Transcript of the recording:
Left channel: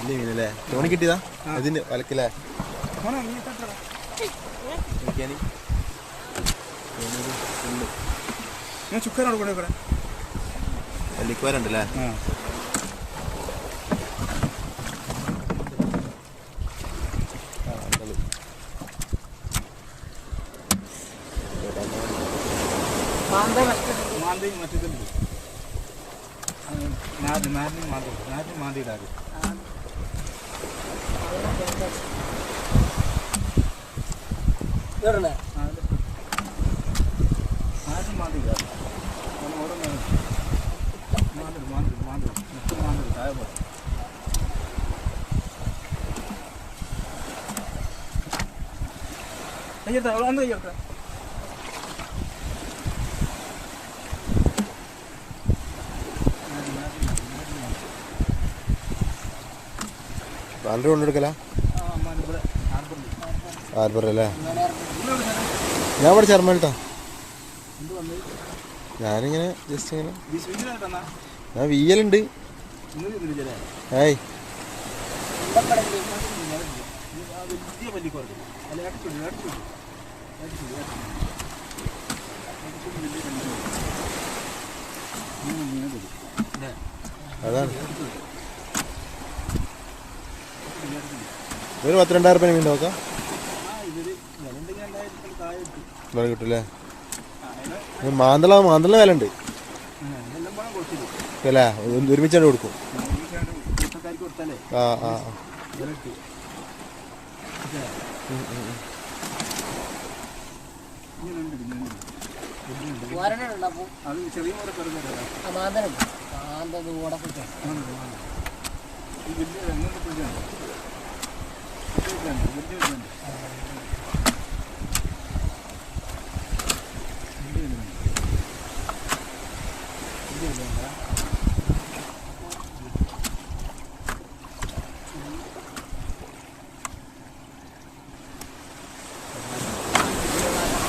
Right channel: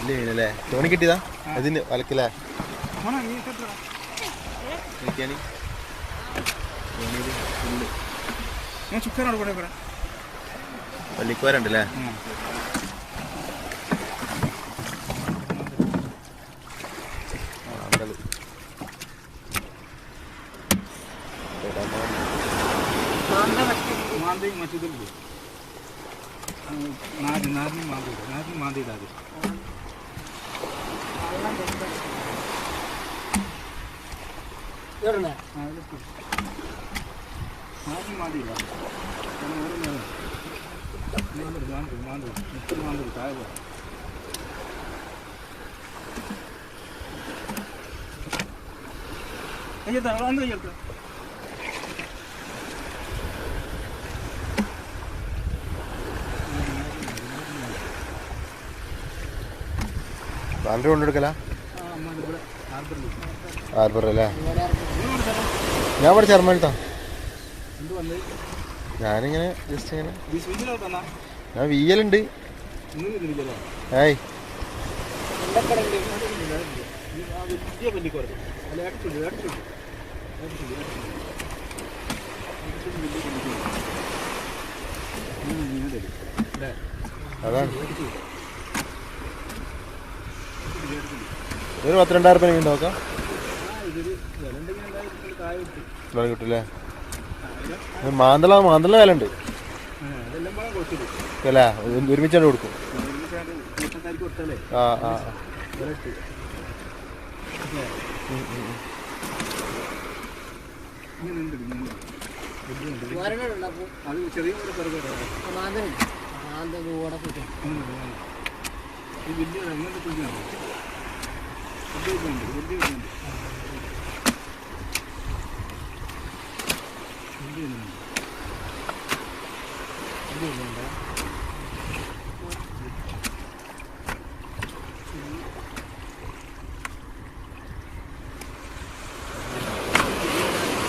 വലിയ മീനല്ലേ? തോണി കിട്ടിയതാ അതിന് വലക്കല്ലേ? വള്ളിക്കോരുണ്ടല്ലേ? മാന്തിയിടാതെ വാലറി കൊണ്ടെടുക്കല ഹാർബർ അല്ലേ? ഞാൻ ഇവിടെ ചെറുമേലത്താ. ഞാനിങ്ങനെ ജസ്റ്റ് ഇങ്ങനെ ഞാൻ വീയലുണ്ട്. ഏയ് അതാണ് ഒരു 12,000 മീൻ നോക്കാം. വില കിട്ടൂല്ലേ? മാന്തള വില ഉണ്ട് അല്ലേ? ഒരുമിച്ചാണ് കൊടുക്കും. ആ ആ ചെറിയ